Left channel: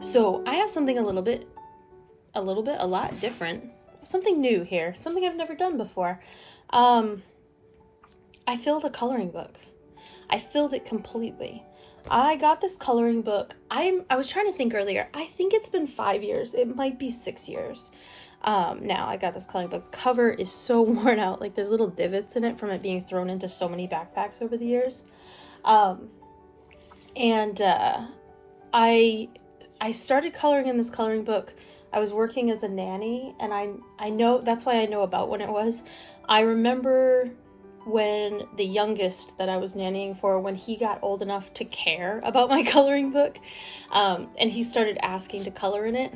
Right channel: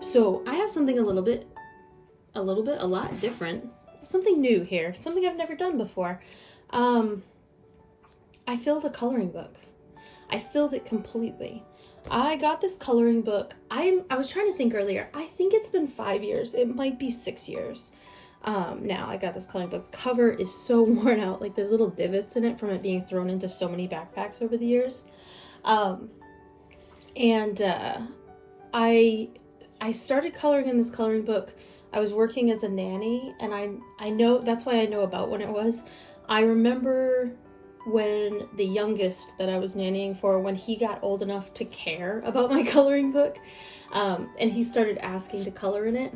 So I have something a lot different, something new here, something I've never done before. I filled a coloring book. I filled it completely. I got this coloring book. I was trying to think earlier. I think it's been 5 years. It might be 6 years. Now I got this coloring book. The cover is so worn out. Like there's little divots in it from it being thrown into so many backpacks over the years. I started coloring in this coloring book. I was working as a nanny, and I know, that's why I know about when it was. I remember when the youngest that I was nannying for, when he got old enough to care about my coloring book, and he started asking to color in it.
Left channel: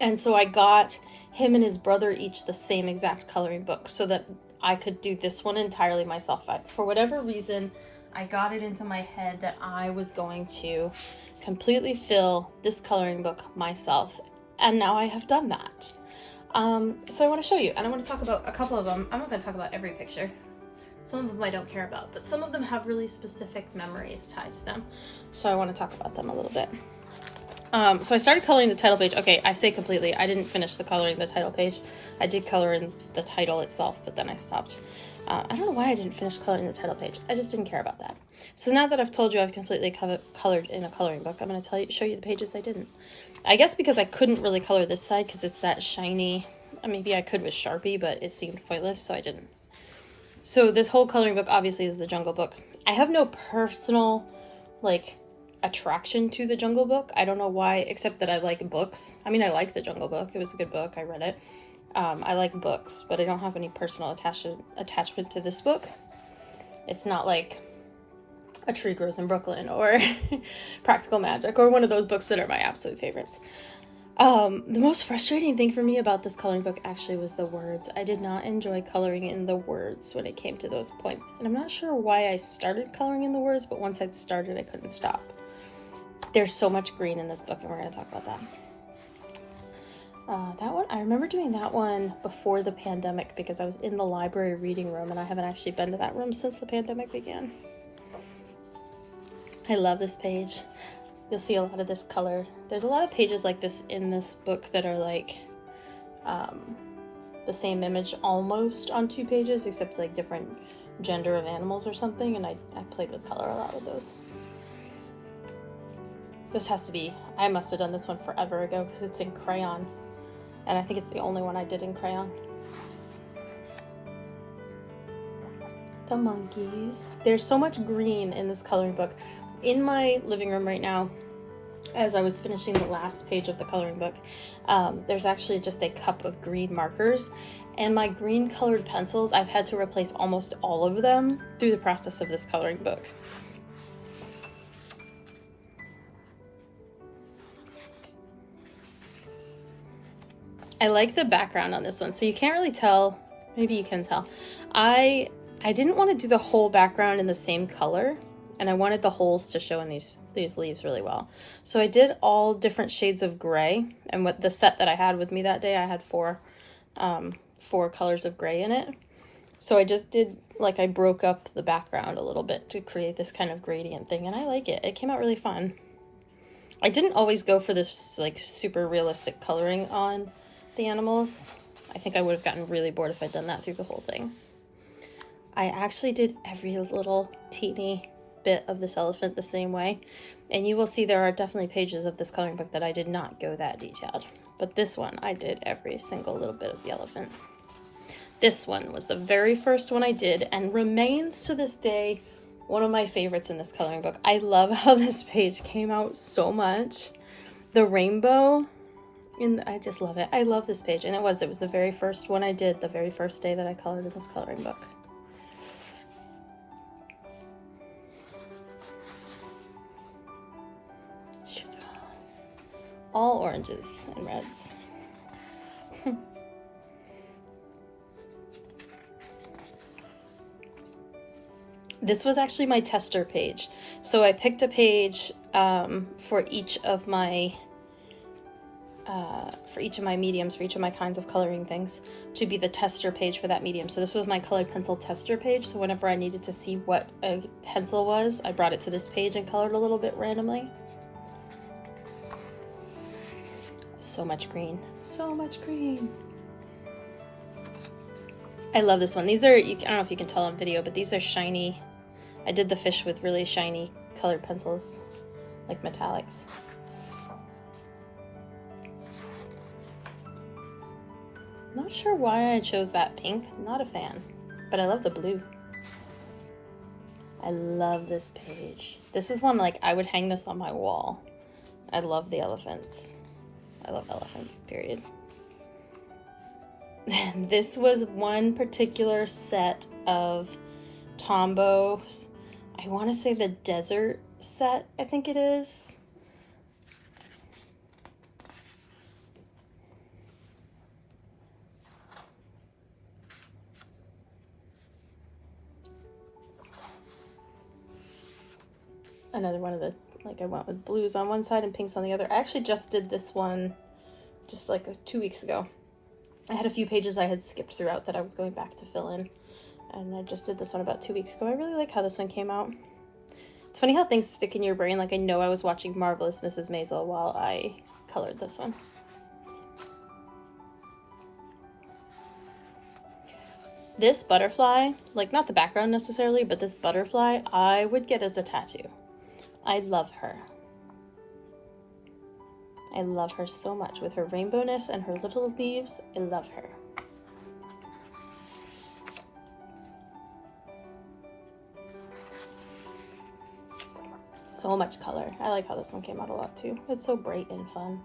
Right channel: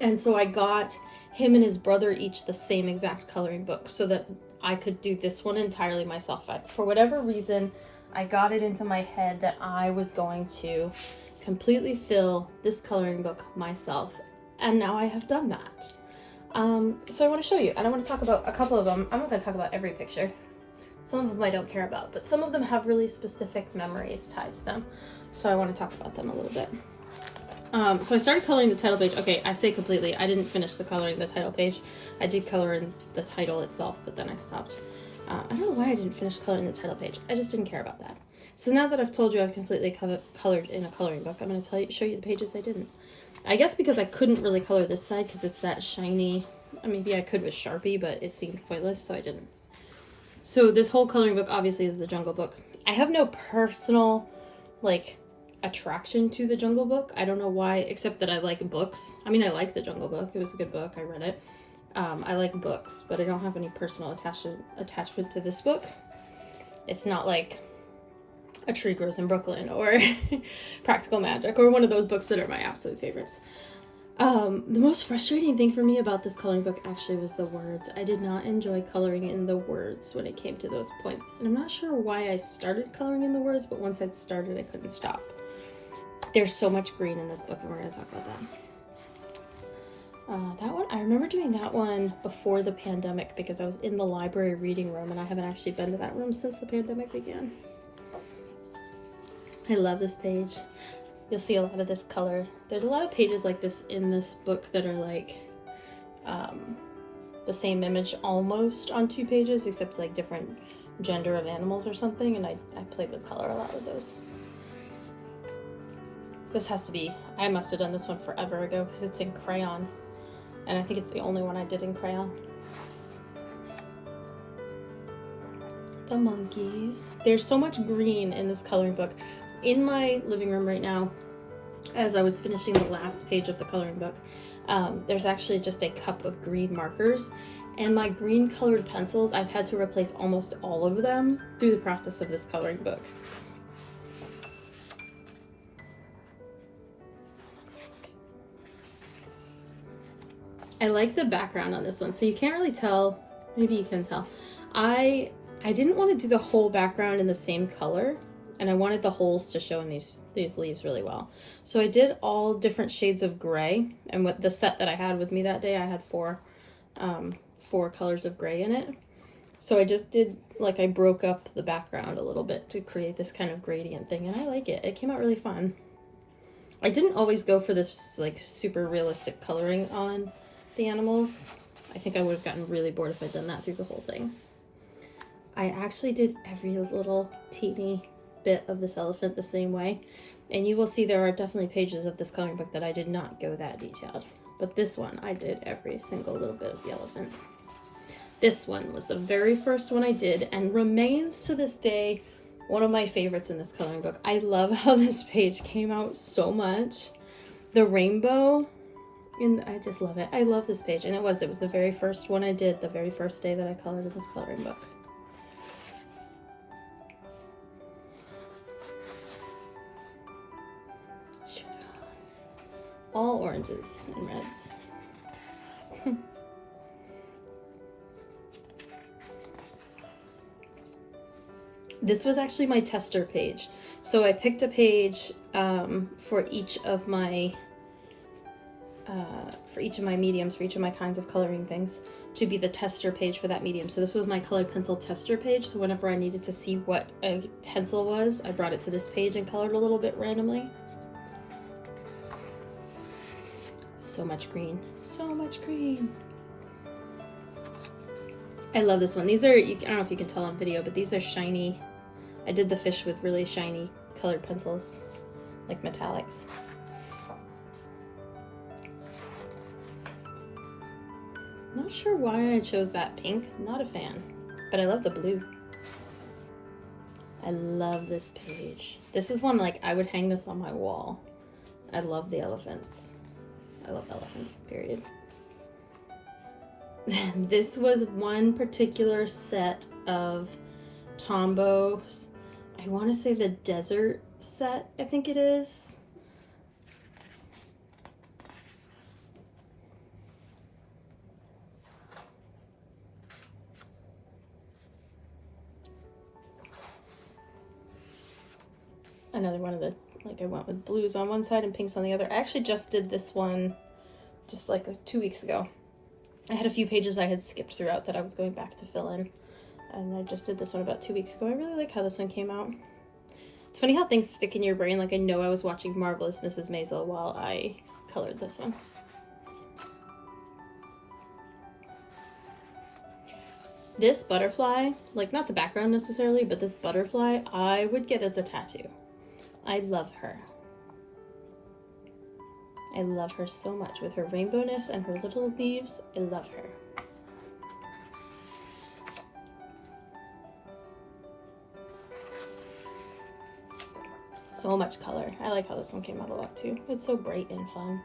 And so I got him and his brother each the same exact coloring book so that I could do this one entirely myself. For whatever reason, I got it into my head that I was going to completely fill this coloring book myself. And now I have done that. So I want to show you, and I want to talk about a couple of them. I'm not going to talk about every picture. Some of them I don't care about, but some of them have really specific memories tied to them. So I want to talk about them a little bit. So I started coloring the title page. Okay, I say completely. I didn't finish the coloring the title page. I did color in the title itself, but then I stopped. I don't know why I didn't finish coloring the title page. I just didn't care about that. So now that I've told you I've completely colored in a coloring book, I'm going to show you the pages I didn't. I guess because I couldn't really color this side because it's that shiny. Maybe I could with Sharpie, but it seemed pointless, so I didn't. So this whole coloring book obviously is the Jungle Book. I have no personal, attraction to the Jungle Book. I don't know why, except that I like books. I like the Jungle Book. It was a good book. I read it. I like books, but I don't have any personal attachment to this book. It's not like A Tree Grows in Brooklyn or Practical Magic or one of those books that are my absolute favorites. The most frustrating thing for me about this coloring book actually was the words. I did not enjoy coloring in the words when it came to those points. And I'm not sure why I started coloring in the words, but once I'd started, I couldn't stop. There's so much green in this book, and we're going to talk about that. That one, I remember doing that one before the pandemic because I was in the library reading room, and I haven't actually been to that room since the pandemic began. I love this page. You'll see a lot of this colored. There's a lot of pages like this in this book that are the same image almost on 2 pages, except different gender of animals or something, and I played with color a lot with those. This has to be, I must have done this one forever ago because it's in crayon, and I think it's the only one I did in crayon. The monkeys. There's so much green in this coloring book. In my living room right now, as I was finishing the last page of the coloring book, there's actually just a cup of green markers, and my green colored pencils, I've had to replace almost all of them through the process of this coloring book. I like the background on this one, so you can't really tell. Maybe you can tell. I didn't want to do the whole background in the same color, and I wanted the holes to show in these leaves really well. So I did all different shades of gray, and with the set that I had with me that day, I had four colors of gray in it. So I just did, I broke up the background a little bit to create this kind of gradient thing, and I like it. It came out really fun. I didn't always go for this super realistic coloring on the animals. I think I would have gotten really bored if I'd done that through the whole thing. I actually did every little teeny bit of this elephant the same way, and you will see there are definitely pages of this coloring book that I did not go that detailed, but this one I did every single little bit of the elephant. This one was the very first one I did and remains to this day one of my favorites in this coloring book. I love how this page came out so much. The rainbow, I just love it. I love this page, and it was the very first one I did the very first day that I colored in this coloring book. All oranges and reds. This was actually my tester page. So I picked a page for each of my mediums, for each of my kinds of coloring things, to be the tester page for that medium. So this was my colored pencil tester page. So whenever I needed to see what a pencil was, I brought it to this page and colored a little bit randomly. So much green. So much green. I love this one. These are, I don't know if you can tell on video, but these are shiny. I did the fish with really shiny colored pencils, like metallics. Not sure why I chose that pink. Not a fan, but I love the blue. I love this page. This is one, like, I would hang this on my wall. I love the elephants. I love elephants, period. This was one particular set of Tombows. I want to say the desert set, I think it is. Another one of the, like, I went with blues on one side and pinks on the other. I actually just did this one just like 2 weeks ago. I had a few pages I had skipped throughout that I was going back to fill in. And I just did this one about 2 weeks ago. I really like how this one came out. It's funny how things stick in your brain. Like, I know I was watching Marvelous Mrs. Maisel while I colored this one. This butterfly, like, not the background necessarily, but this butterfly, I would get as a tattoo. I love her. I love her so much with her rainbowness and her little leaves. I love her. So much color. I like how this one came out a lot too. It's so bright and fun.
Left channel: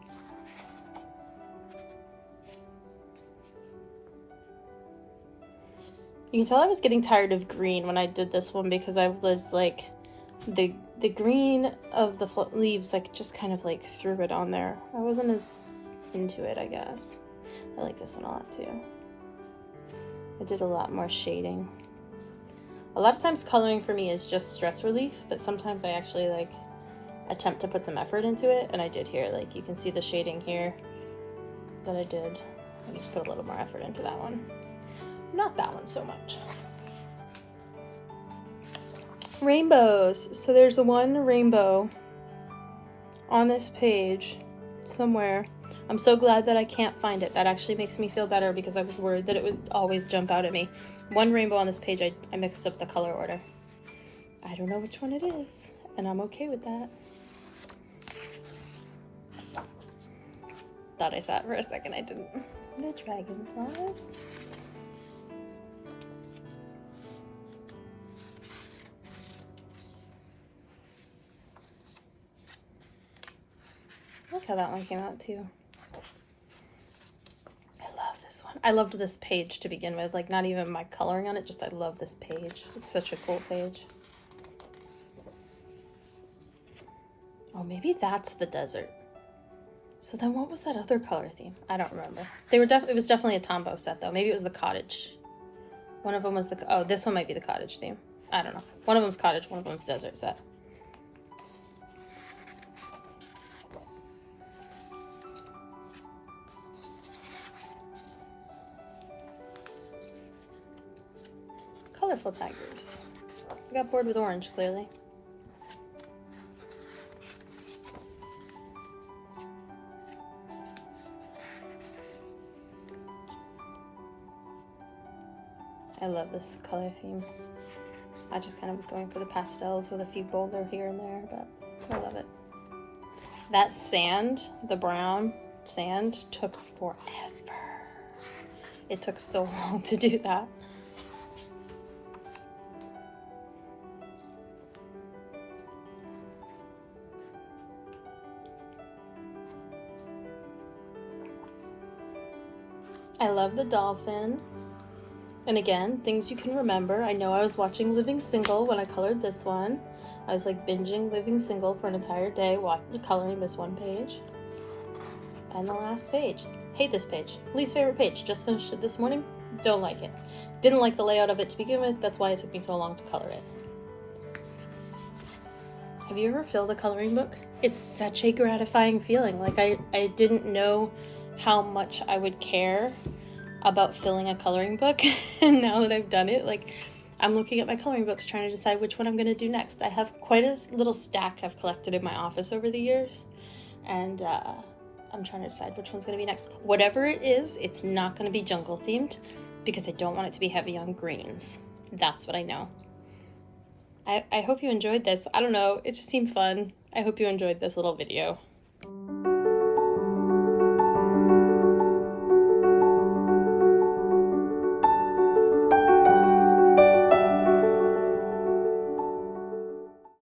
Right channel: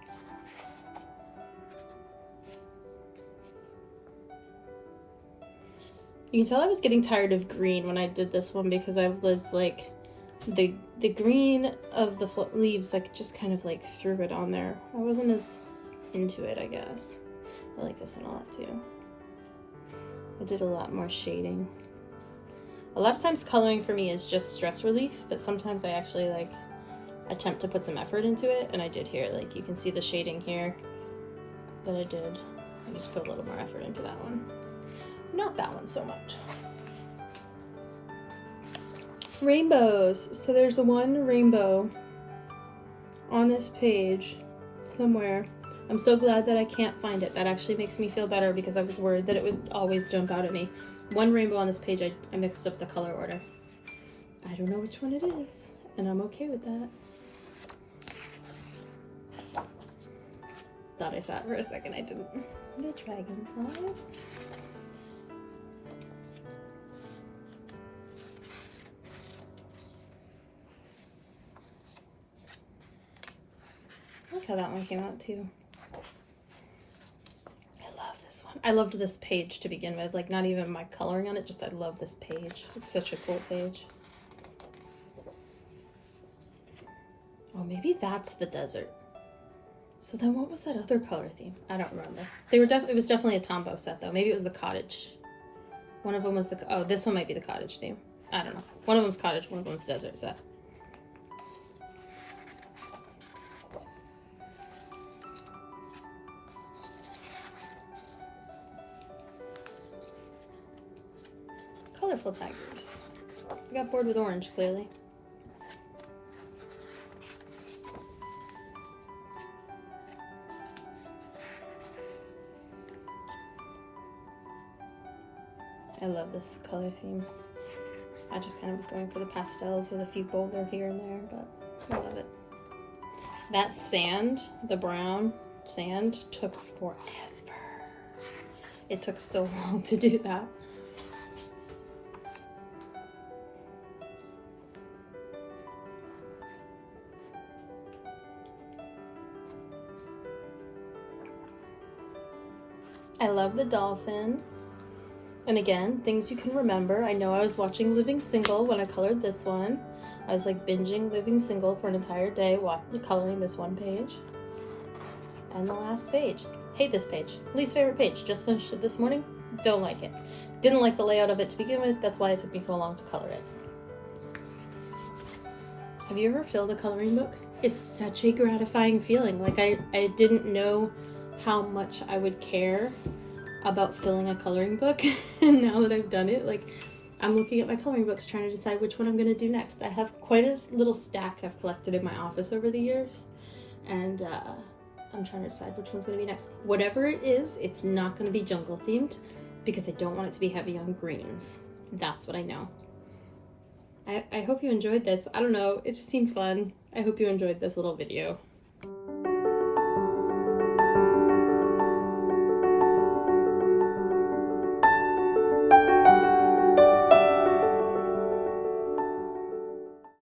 You can tell I was getting tired of green when I did this one because I was like, the green of the leaves, like, just kind of like threw it on there. I wasn't as into it, I guess. I like this one a lot too. I did a lot more shading. A lot of times coloring for me is just stress relief, but sometimes I actually like attempt to put some effort into it, and I did here. Like, you can see the shading here that I did. I just put a little more effort into that one. Not that one so much. Rainbows. So there's the one rainbow on this page somewhere. I'm so glad that I can't find it. That actually makes me feel better because I was worried that it would always jump out at me. One rainbow on this page, I mixed up the color order. I don't know which one it is, and I'm okay with that. Thought I saw it for a second, I didn't. The dragonflies. Look how that one came out too. I love this one. I loved this page to begin with. Like, not even my coloring on it, just I love this page. It's such a cool page. Oh, maybe that's the desert. So then what was that other color theme? I don't remember. They were it was definitely a Tombow set though. Maybe it was the cottage. One of them was the, oh, this one might be the cottage theme. I don't know. One of them's cottage, one of them's desert set. Colorful tigers. I got bored with orange, clearly. I love this color theme. I just kind of was going for the pastels with a few bolder here and there, but I love it. That sand, the brown sand, took forever. It took so long to do that. I love the dolphin. And again, things you can remember. I know I was watching Living Single when I colored this one. I was like binging Living Single for an entire day coloring this one page. And the last page. Hate this page. Least favorite page. Just finished it this morning. Don't like it. Didn't like the layout of it to begin with. That's why it took me so long to color it. Have you ever filled a coloring book? It's such a gratifying feeling. Like, I didn't know how much I would care about filling a coloring book, and now that I've done it, like, I'm looking at my coloring books trying to decide which one I'm going to do next. I have quite a little stack I've collected in my office over the years, and I'm trying to decide which one's going to be next. Whatever it is, it's not going to be jungle themed because I don't want it to be heavy on greens. That's what I know. I hope you enjoyed this. I don't know, it just seemed fun. I hope you enjoyed this little video.